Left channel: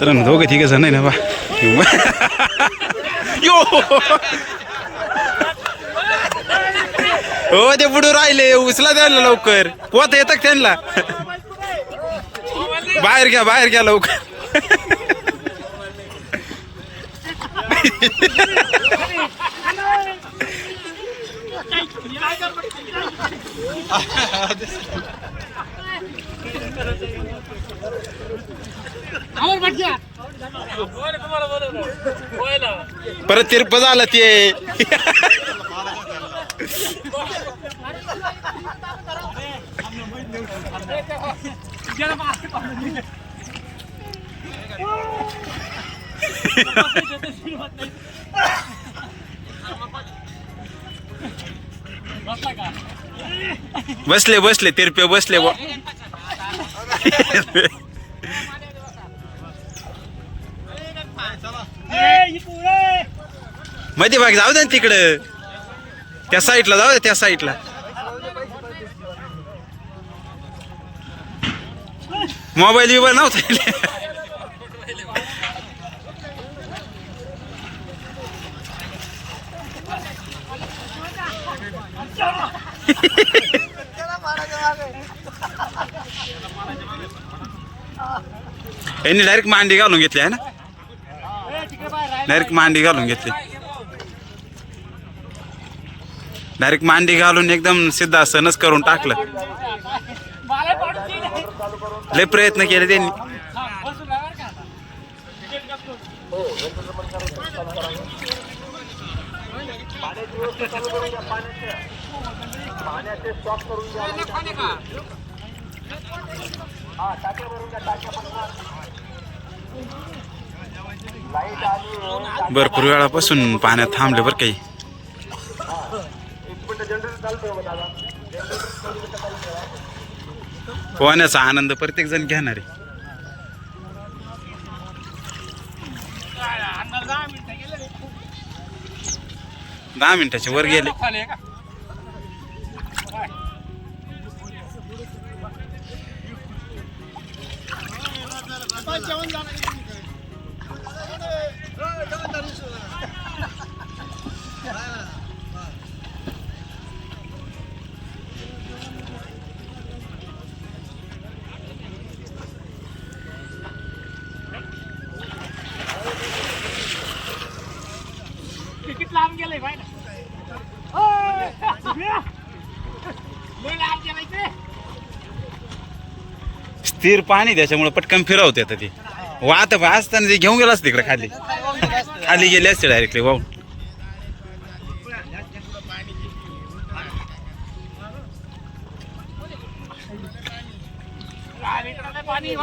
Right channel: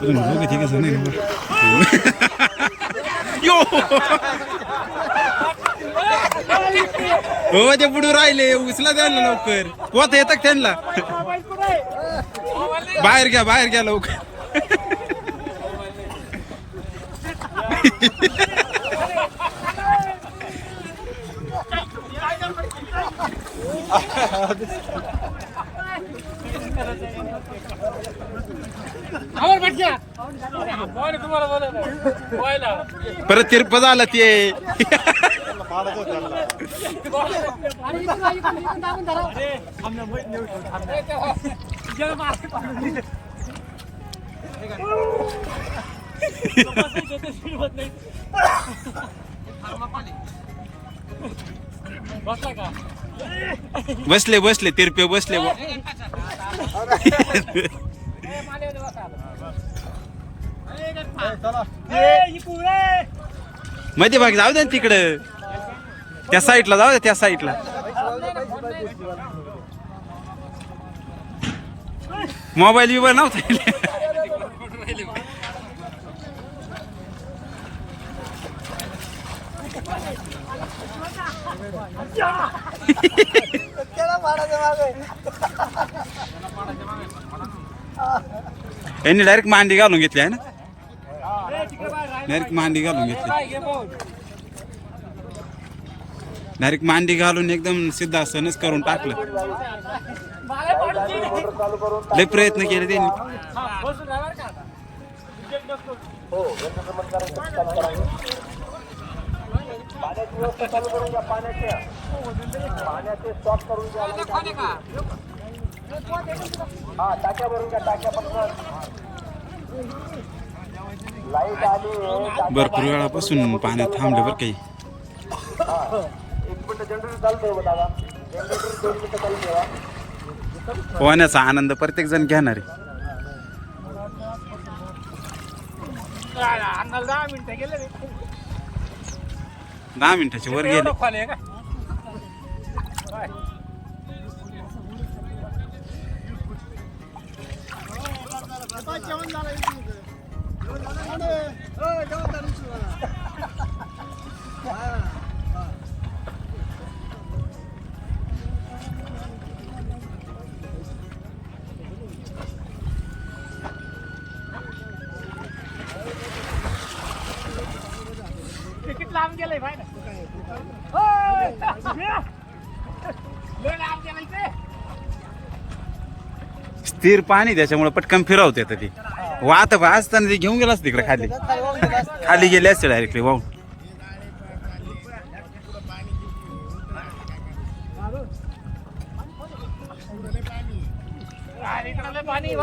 तर दोघे ठीक जण आहे ना बा. यो! हो ते बुडू राहिले उचला द्यायला लवकर. पोत येतात त्यांना. बाहेर घ्या बाहेर घ्या लवकर. परत तिरप झालं ते. बसले बसले तिरपे बसले. माहिती मध्ये भाग जाऊ दे ना तिकडं. त्या साईडला जाऊ दे त्या साईडला. मोबाईल बिबाईल नव्हता यांनी डायरेक्ट मांडी घालून घेतली आहे ना? डायरेक्ट मांडी घालून घेतली. डायरेक्ट मांडी घालून एकदम सिद्धासनच करून टाकलं. लय प्रयत्न केले त्यांनी. हो. भरपूर वेळापासून पाण्यात थांबले बरं काही. पोहण्याचा आनंद प्रत्येक जण घेणार. आहे दहा मिनिटाच्या वर गेले. तिकीट स्थिर पाणी त्याच्यामुळे पटकन फिरवते आता ते. वाहत असताना ते घेऊन गेलास तिकडे खाली. खाली गेले असते डायरेक्टली वाहून. पाणी.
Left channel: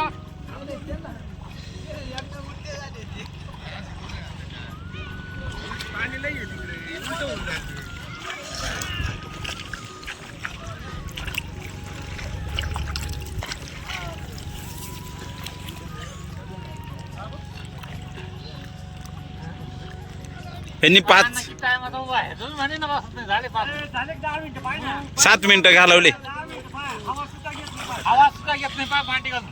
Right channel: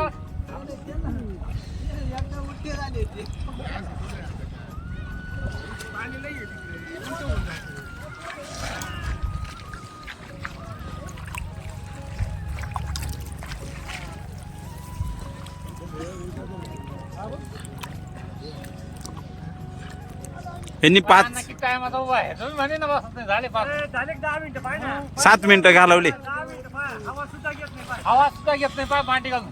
घेत नाही पाहा मांडी घालून.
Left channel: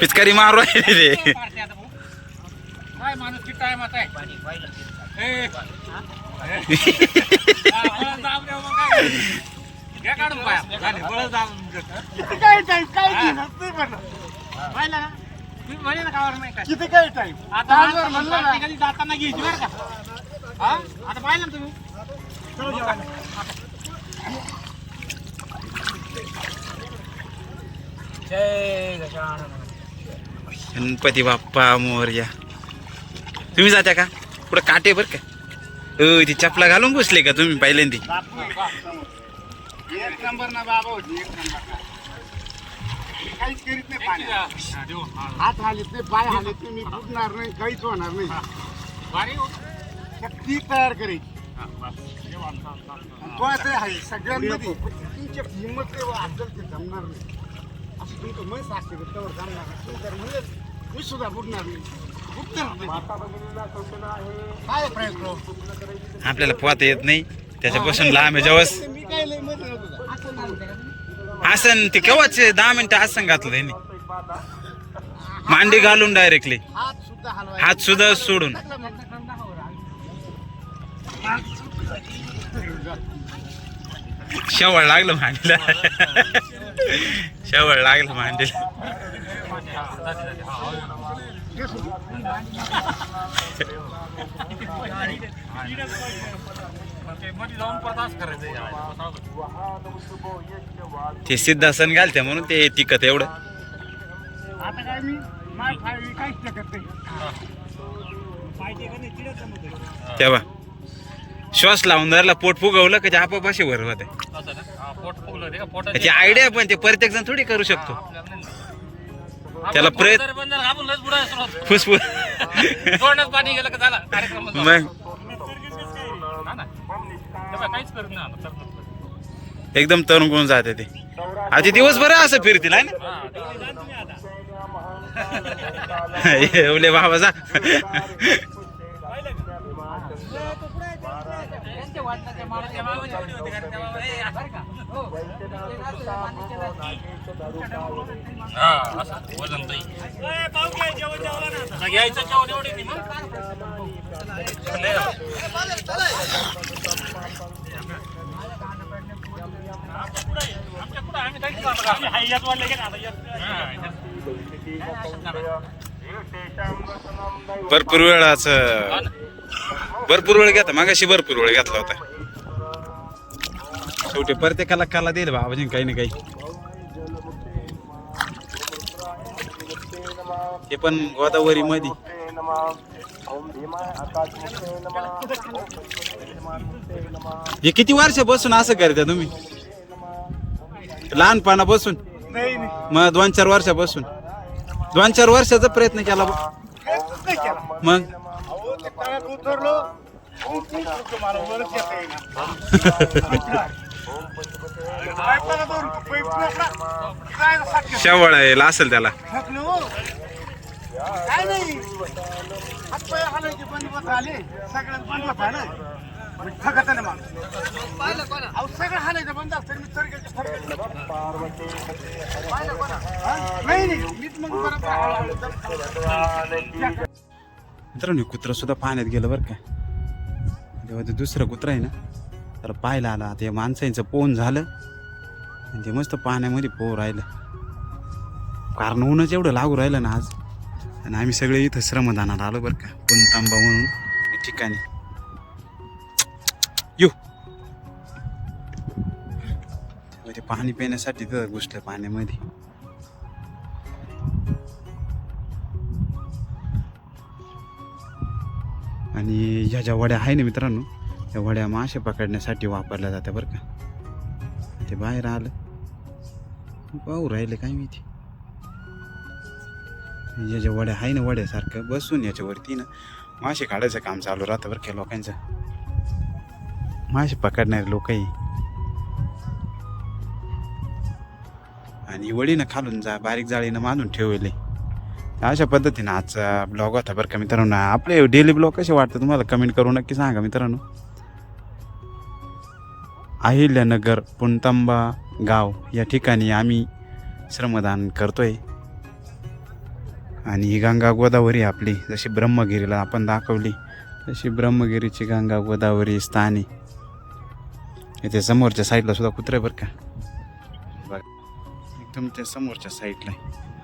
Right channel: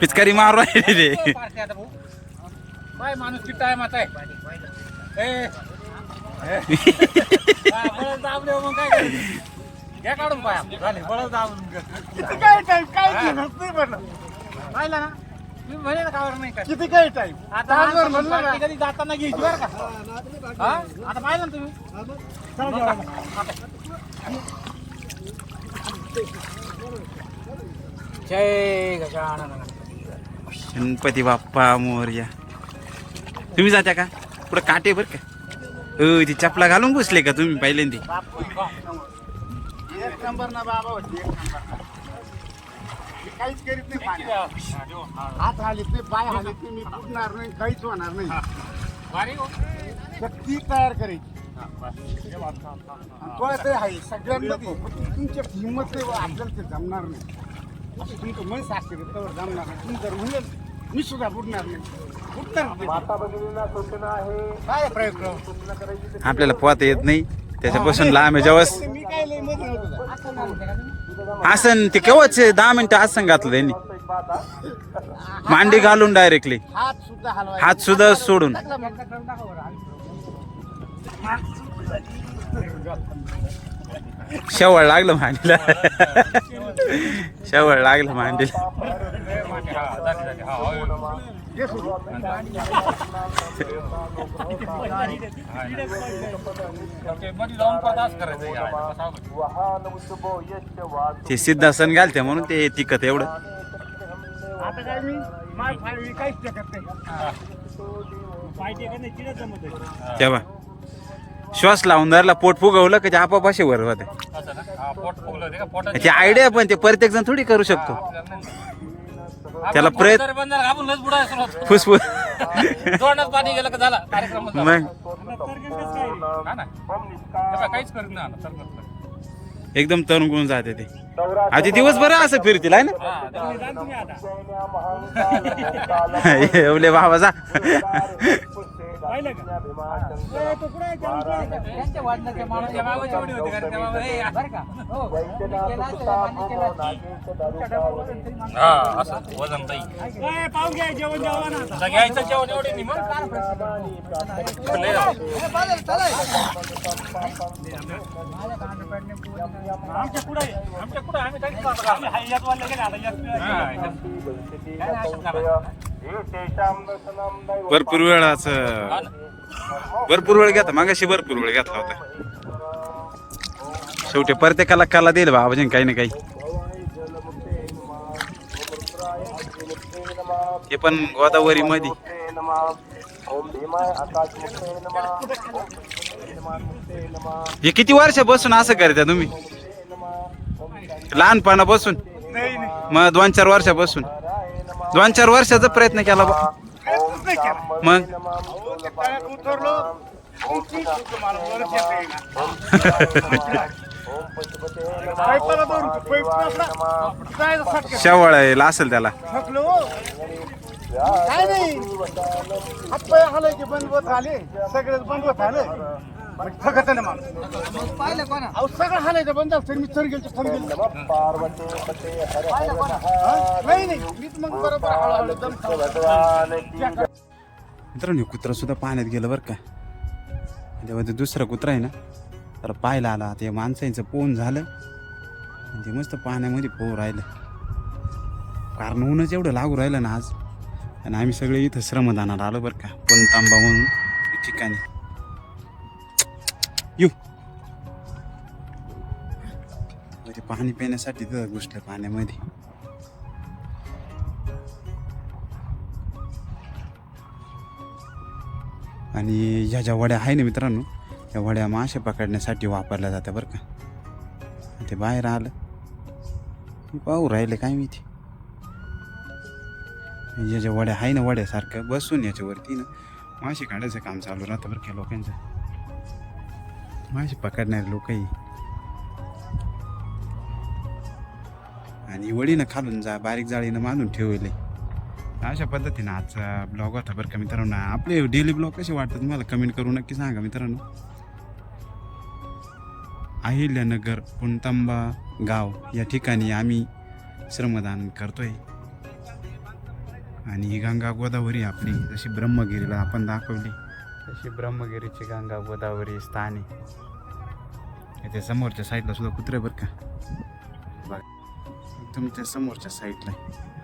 पिचकारी मारू राहिले रे. माणूस किती आहे करायचं? घ्या काढून पाया काय काय नाही पाहिलं ना? तुम्ही म्हणे ना कावर नाही काय. किती काय टाइम आता माणसाला म्हणलं ना. प्रॅक्टिकली जाताना घ्यायची बरं का. हा? आता पाहिलं ना तुम्ही? चला जेवायला. जय गजानन. गणपती बाप्पा मोरया. तुम्ही जात्या का? पुढं काटे बर का? अ, ती चपला घालून घुसले का तुम्ही पहिल्यांदी? बापू, एक नंबर ना बाबा होती एक नंबर ना. काहीच करीत नाही पाण्यात हात हालीत नाही पाय हालीत नाही मी फुटणार नाही काहीच होणार नाही भारी ती तयार करायची आणि तो ते आहे सगळ्यांमध्ये तुमची हिंमत नाही, आपल्याला ते जमणार नाही असं तुमचं मन साक्षी जमणार नाही तुम्ही जर म्हणलं मी सुद्धा बुडणार नाही बुडणार नाही काय प्रयत्न आपल्याला पोहता येत नाही. त्याच्यापासून लांब आहे जवळ आसन ते केव्हाच दहा मिनिटं आसन घातलं त्यांनी? मांडी घालून डायरेक्टली हात सुद्धा हात सुद्धा सोडून. शेवळ लागलं मांडीला. शेवळ लागलं मांडीला मध्ये जाऊन परत असं करायचं ते सिद्धासन घालते म्हणून ते तिकत एवढं. आता काय मी काहीच टाकत तेव्हा श्वास लावून धरला पोट फुगवलं की आपापाशी वर होते. हा, त्याची आयडिया पण ते प्रत्येक जण थोडी करू शकतो. त्याला प्रयत्न-. फुसफुस जोडण्यात पाणी गेलं का झाला? कार्यक्रम मग. काहीच करत नाही एकदम तरुण कोण जाते ते. आता दिवसभर असं फिरतील आहे ना? एवले बाबा जा. का? हा. असं वजन ताई. आता घ्यायचं जेवण एवढे नाही. मग नाही. आमच्या आहे. आमच्या आहे. आम्ही. हा, भरपूर वेळाच भरपूर वेळ घेता मागाशी भरपूर वेळ घेतला होता. शेवटी प्रत्येकाला कला देईल बाबाजी काही ना काही. ते पण गोदावरी मध्ये हे किती वर्षापासून असं करता तुम्ही? लहानपणापासून? नाही नाही. मग दोन चार वर्षापासून? दोन चार वर्षाचा प्रयत्न केला. मग? तळ्यात उतरलो उंचूच होतं मला वरच येता येईना पाईपाला धरून तो पाईप आपला जायला सारखं शेवळ यायला असेल त्याला थकलो हो काय नाही हलायचे बंद होत आले सगळं बंद होत आलं पण थकत ना माणूस अहो सगळं हलायचं बंद असतं मी गेलो हा? नाही नाही मीच मग बरोबर हळूहळू दम खाऊ. मित्रांनो कुत्रा सुद्धा पाण्यात गेलं बरं का. तेव्हा ते दुसरं कुत्रा आहे ना तर पाहायला आला. ते माणसांचं पोहून झालं. आणि ते मस्त पाण्यामध्ये पोह राहिलं. कारण ऊनच एवढं लागू राहिलं ना आज. आणि आम्ही सगळे इथं श्रमदानात आलो बरं का पुनतांबा म्हणून ठिकाणी. येऊ ते पाणी पिण्यासाठी तिथं घुसलं पाण्यामध्ये. आणि ह्या ज्या वड्या आहे ना मित्रांनो त्या वड्या मासे पकडण्यासाठी वापरल्या जात्या बरं का. ते बाहेर आलं. पाहू राहिले काय मी या ज्या वड्या आहे ना वड्यासारखं बसून याच्यावरती ना मासे काढायचं काम चालू राहतं बरं का लोकांचं. मासे पकडणारे लोकही. आणि वडीनं खालून जा बारीक जाळीनं मानून ठेवले. अशा पद्धतीनं आजचा ब्लॉग होता बरं का मित्रांनो. आपले डेली ब्लॉग कसे वाटतं तुम्हाला? कमेंट करू नक्की सांगा मित्रांनो. अहिल्यानगर पुणतांबा गाव या ठिकाणी आम्ही श्रमदान करतोय. आणि ही गंगा गोदावरी आपली. जशी ब्रह्मगिरीला आपण दाखवली तशी ब्रह्मगिरीची गंगा गोदावरी स्थानी इथे समोरच्या साईडला सुद्धा कुत्रे बरं का? बघा. एकदम त्या समोरच्या साईडला आहे.